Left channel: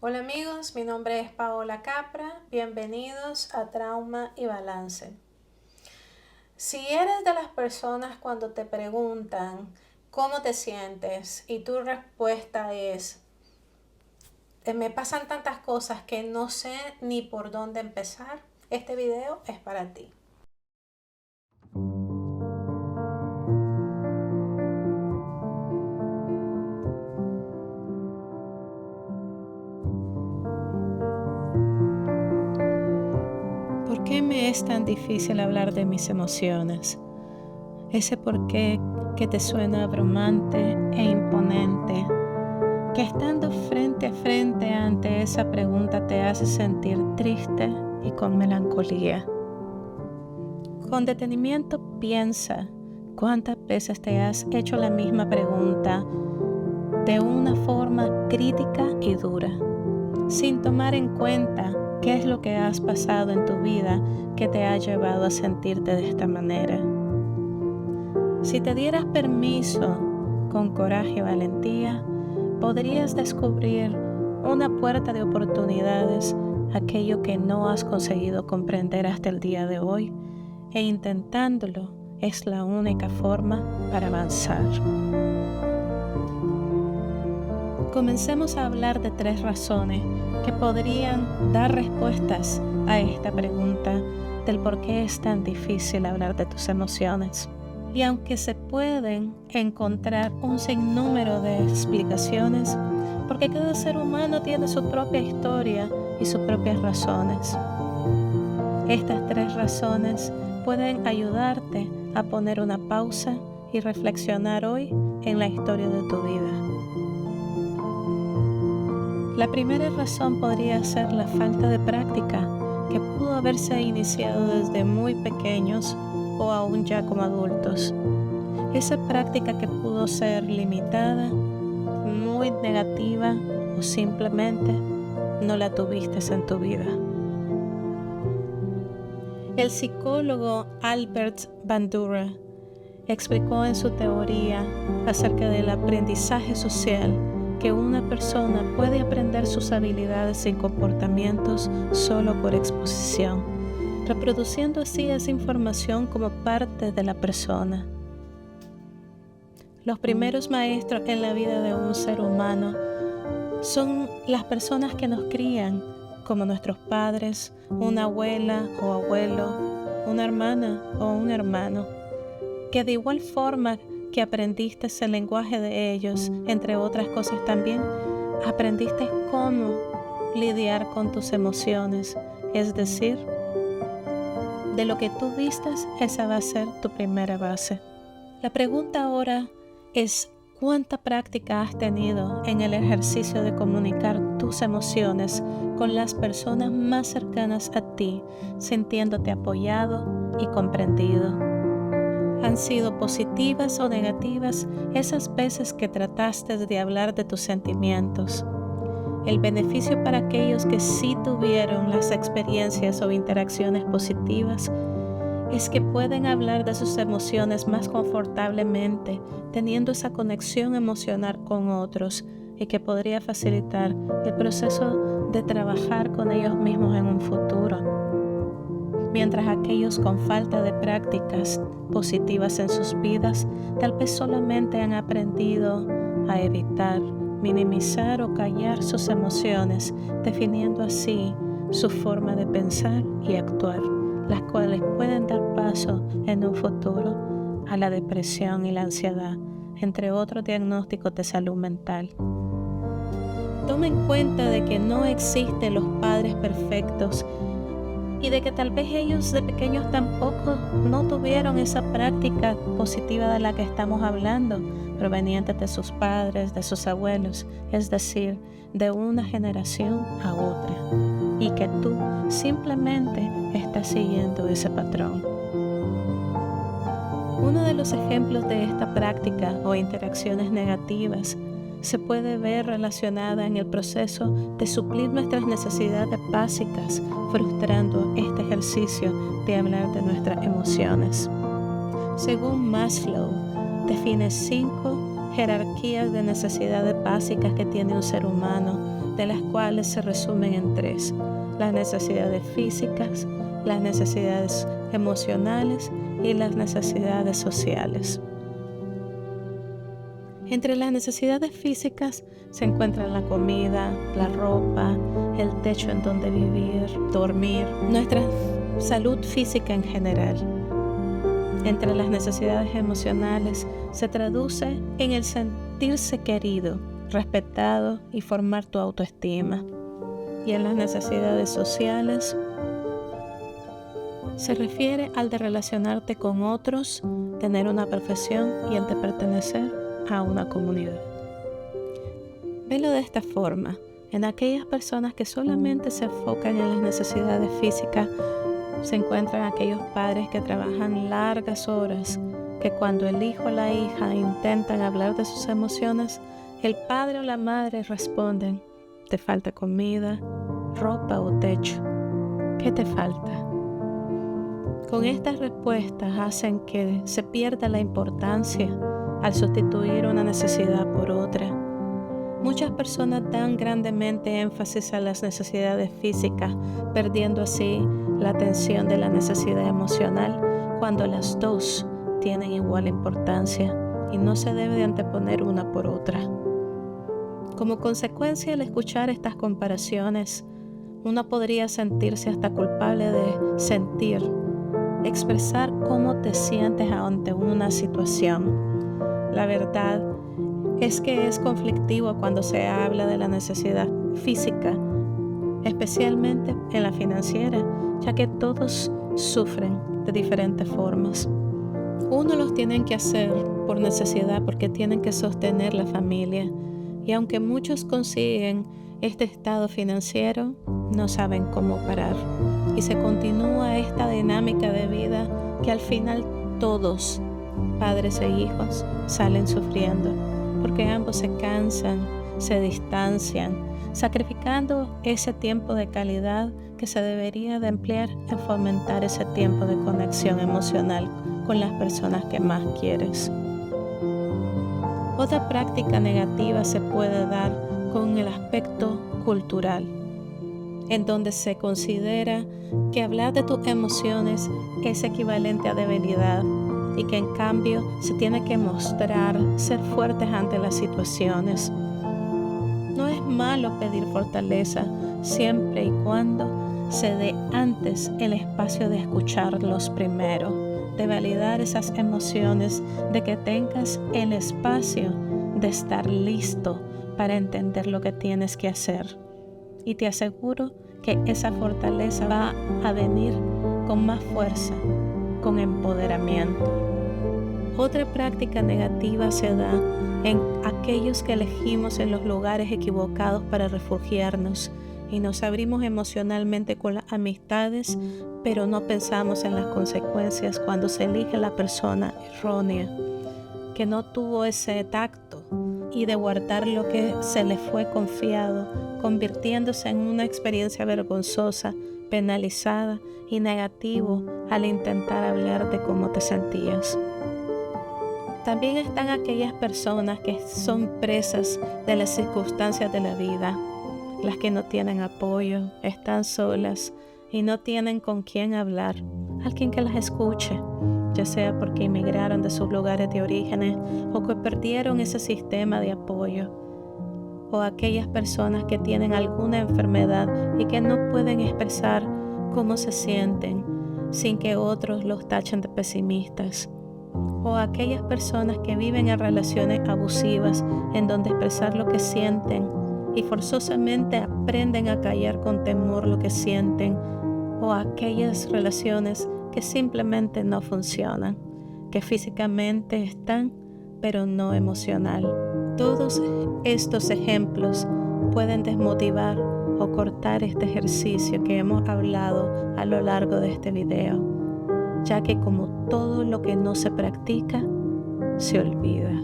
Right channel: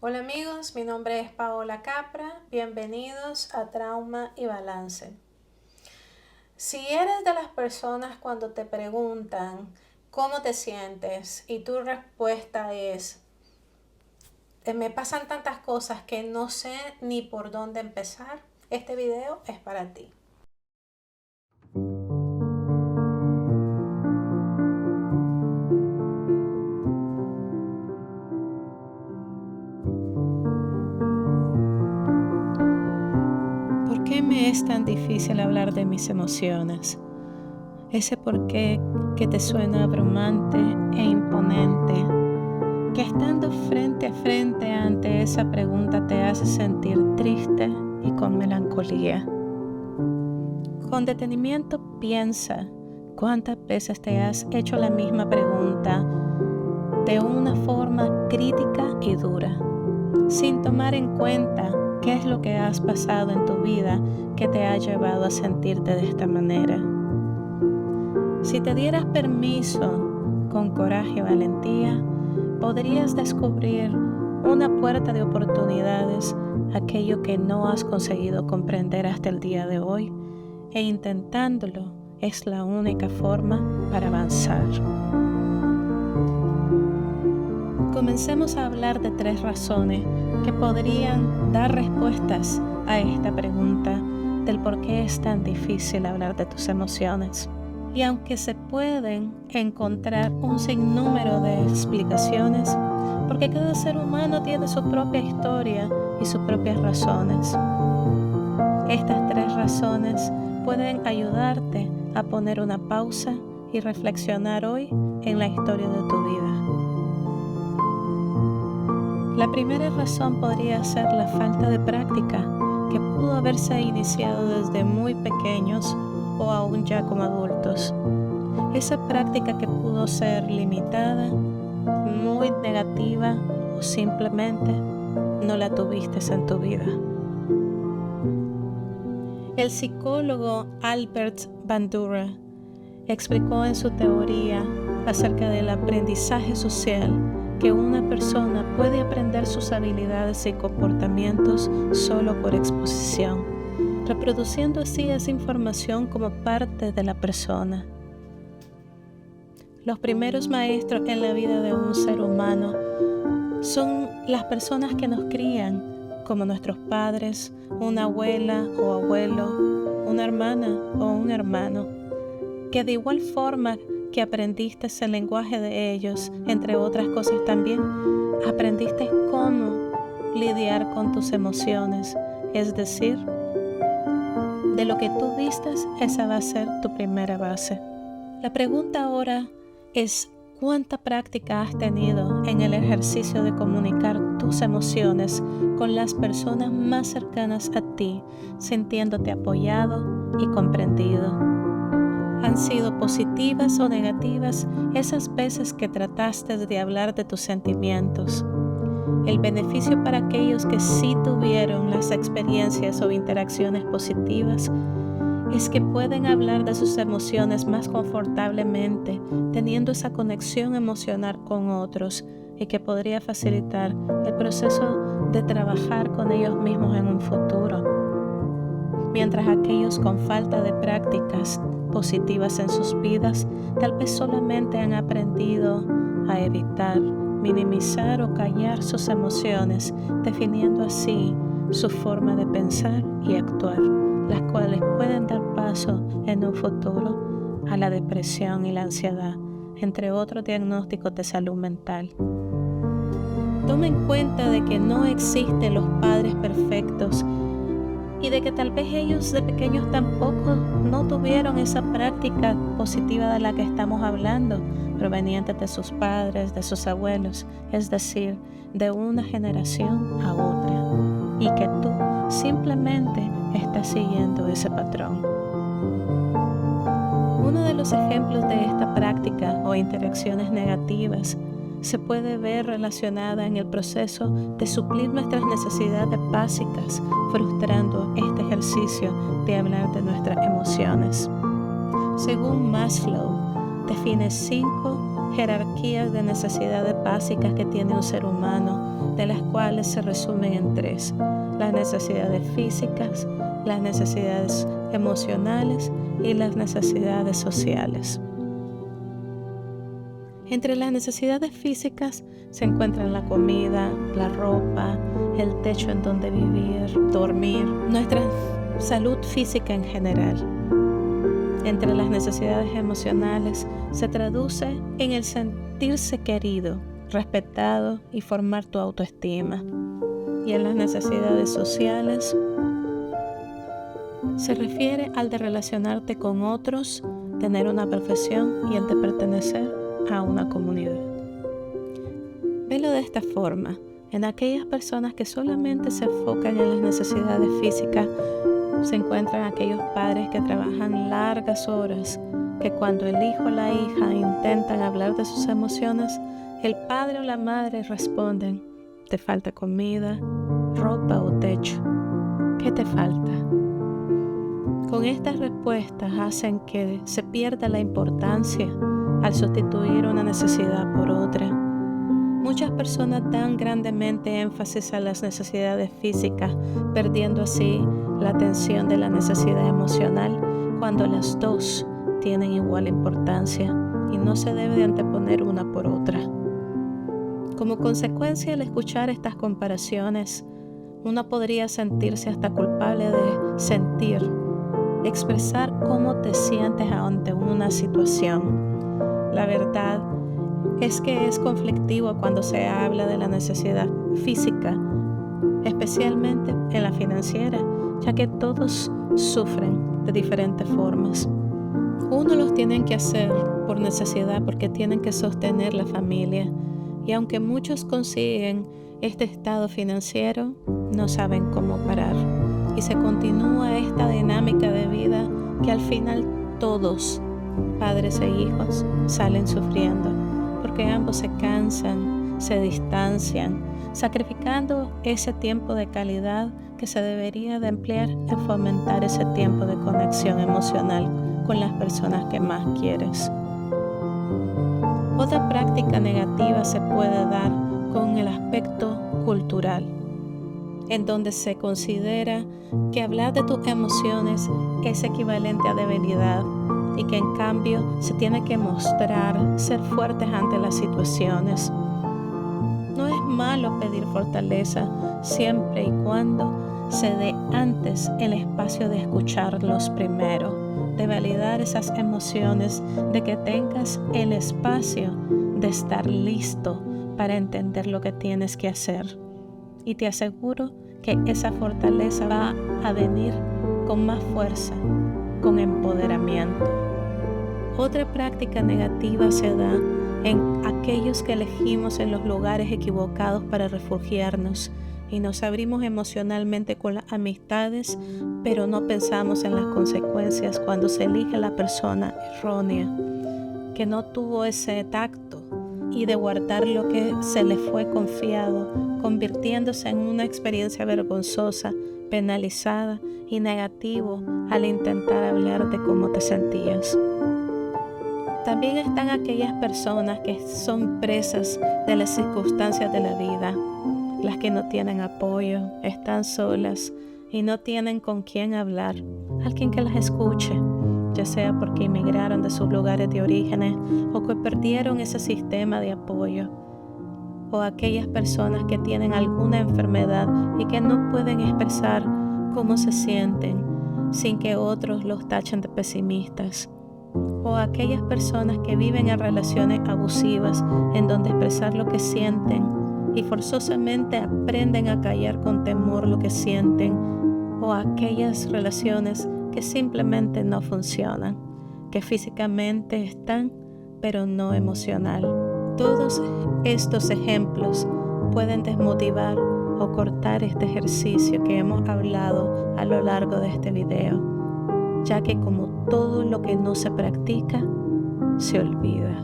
Hola amigos, mi nombre es Paola Capra, bienvenidos a Trauma y Balance. Si eres de las personas cuando te preguntan cómo te sientes y tu respuesta es, me pasan tantas cosas que no sé ni por dónde empezar, este video es para ti. ¿Por qué me es tan difícil hablar de mis emociones? Ese por qué que te suena abrumante e imponente, que estando frente a frente ante esa pregunta te hace sentir triste y con melancolía. Con detenimiento piensa cuántas veces te has hecho la misma pregunta de una forma crítica y dura, sin tomar en cuenta qué es lo que has pasado en tu vida que te ha llevado a sentirte de esta manera. Si te dieras permiso, con coraje y valentía, podrías descubrir una puerta de oportunidades, aquello que no has conseguido comprender hasta el día de hoy, e intentándolo es la única forma para avanzar. Comencemos a hablar de 3 razones que podrían dar respuestas a esta pregunta del por qué es tan difícil hablar de tus emociones. Y aunque se pueden encontrar un sinnúmero de explicaciones, porque cada ser humano tiene su propia historia y sus propias razones. Estas 3 razones pueden ayudarte a poner una pausa y reflexionar hoy en la historia de tu vida. La primera razón podría ser la falta de práctica, que pudo haberse iniciado desde muy pequeños o aún ya como adultos. Esa práctica que pudo ser limitada, muy negativa o simplemente no la tuviste en tu vida. El psicólogo Albert Bandura explicó en su teoría acerca del aprendizaje social que una persona puede aprender sus habilidades y comportamientos solo por exposición, reproduciendo así esa información como parte de la persona. Los primeros maestros en la vida de un ser humano son las personas que nos crían, como nuestros padres, una abuela o abuelo, una hermana o un hermano, que de igual forma que aprendiste el lenguaje de ellos, entre otras cosas también, aprendiste cómo lidiar con tus emociones, es decir, de lo que tú vistas, esa va a ser tu primera base. La pregunta ahora es, ¿cuánta práctica has tenido en el ejercicio de comunicar tus emociones con las personas más cercanas a ti, sintiéndote apoyado y comprendido? ¿Han sido positivas o negativas esas veces que trataste de hablar de tus sentimientos? El beneficio para aquellos que sí tuvieron las experiencias o interacciones positivas es que pueden hablar de sus emociones más confortablemente, teniendo esa conexión emocional con otros y que podría facilitar el proceso de trabajar con ellos mismos en un futuro. Mientras aquellos con falta de prácticas positivas en sus vidas tal vez solamente han aprendido a evitar, minimizar o callar sus emociones, definiendo así su forma de pensar y actuar, las cuales pueden dar paso en un futuro a la depresión y la ansiedad, entre otros diagnósticos de salud mental. Toma en cuenta de que no existen los padres perfectos y de que tal vez ellos de pequeños tampoco no tuvieron esa práctica positiva de la que estamos hablando, proveniente de sus padres, de sus abuelos, es decir, de una generación a otra, y que tú simplemente estás siguiendo ese patrón. Uno de los ejemplos de esta práctica o interacciones negativas se puede ver relacionada en el proceso de suplir nuestras necesidades básicas, frustrando este ejercicio de hablar de nuestras emociones. Según Maslow, define 5 jerarquías de necesidades básicas que tiene un ser humano, de las cuales se resumen en 3: las necesidades físicas, las necesidades emocionales y las necesidades sociales. Entre las necesidades físicas se encuentran la comida, la ropa, el techo en donde vivir, dormir, nuestra salud física en general. Entre las necesidades emocionales se traduce en el sentirse querido, respetado y formar tu autoestima. Y en las necesidades sociales se refiere al de relacionarte con otros, tener una profesión y el de pertenecer a una comunidad. Velo de esta forma: en aquellas personas que solamente se enfocan en las necesidades físicas, se encuentran aquellos padres que trabajan largas horas, que cuando el hijo o la hija intentan hablar de sus emociones, el padre o la madre responden: te falta comida, ropa o techo. ¿Qué te falta? Con estas respuestas hacen que se pierda la importancia al sustituir una necesidad por otra. Muchas personas dan grandemente énfasis a las necesidades físicas, perdiendo así la atención de la necesidad emocional, cuando las dos tienen igual importancia y no se debe de anteponer una por otra. Como consecuencia, al escuchar estas comparaciones, uno podría sentirse hasta culpable de expresar cómo te sientes ante una situación. La verdad es que es conflictivo cuando se habla de la necesidad física, especialmente en la financiera, ya que todos sufren de diferentes formas. Unos los tienen que hacer por necesidad porque tienen que sostener la familia, y aunque muchos consiguen este estado financiero, no saben cómo parar. Y se continúa esta dinámica de vida que al final todos, padres e hijos, salen sufriendo, porque ambos se cansan, se distancian, sacrificando ese tiempo de calidad que se debería de emplear en fomentar ese tiempo de conexión emocional con las personas que más quieres. Otra práctica negativa se puede dar con el aspecto cultural, en donde se considera que hablar de tus emociones es equivalente a debilidad y que en cambio se tiene que mostrar ser fuertes ante las situaciones. No es malo pedir fortaleza siempre y cuando se dé antes el espacio de escucharlos primero, de validar esas emociones, de que tengas el espacio de estar listo para entender lo que tienes que hacer. Y te aseguro que esa fortaleza va a venir con más fuerza, con empoderamiento. Otra práctica negativa se da en aquellos que elegimos en los lugares equivocados para refugiarnos y nos abrimos emocionalmente con las amistades, pero no pensamos en las consecuencias cuando se elige la persona errónea, que no tuvo ese tacto y de guardar lo que se le fue confiado, convirtiéndose en una experiencia vergonzosa, penalizada y negativo al intentar hablar de cómo te sentías. También están aquellas personas que son presas de las circunstancias de la vida, las que no tienen apoyo, están solas y no tienen con quién hablar, alguien que las escuche, ya sea porque emigraron de sus lugares de origen o que perdieron ese sistema de apoyo, o aquellas personas que tienen alguna enfermedad y que no pueden expresar cómo se sienten sin que otros los tachen de pesimistas, o aquellas personas que viven en relaciones abusivas en donde expresar lo que sienten y forzosamente aprenden a callar con temor lo que sienten, o aquellas relaciones que simplemente no funcionan, que físicamente están pero no emocional. Todos estos ejemplos pueden desmotivar o cortar este ejercicio que hemos hablado a lo largo de este video, ya que como todo lo que no se practica, se olvida.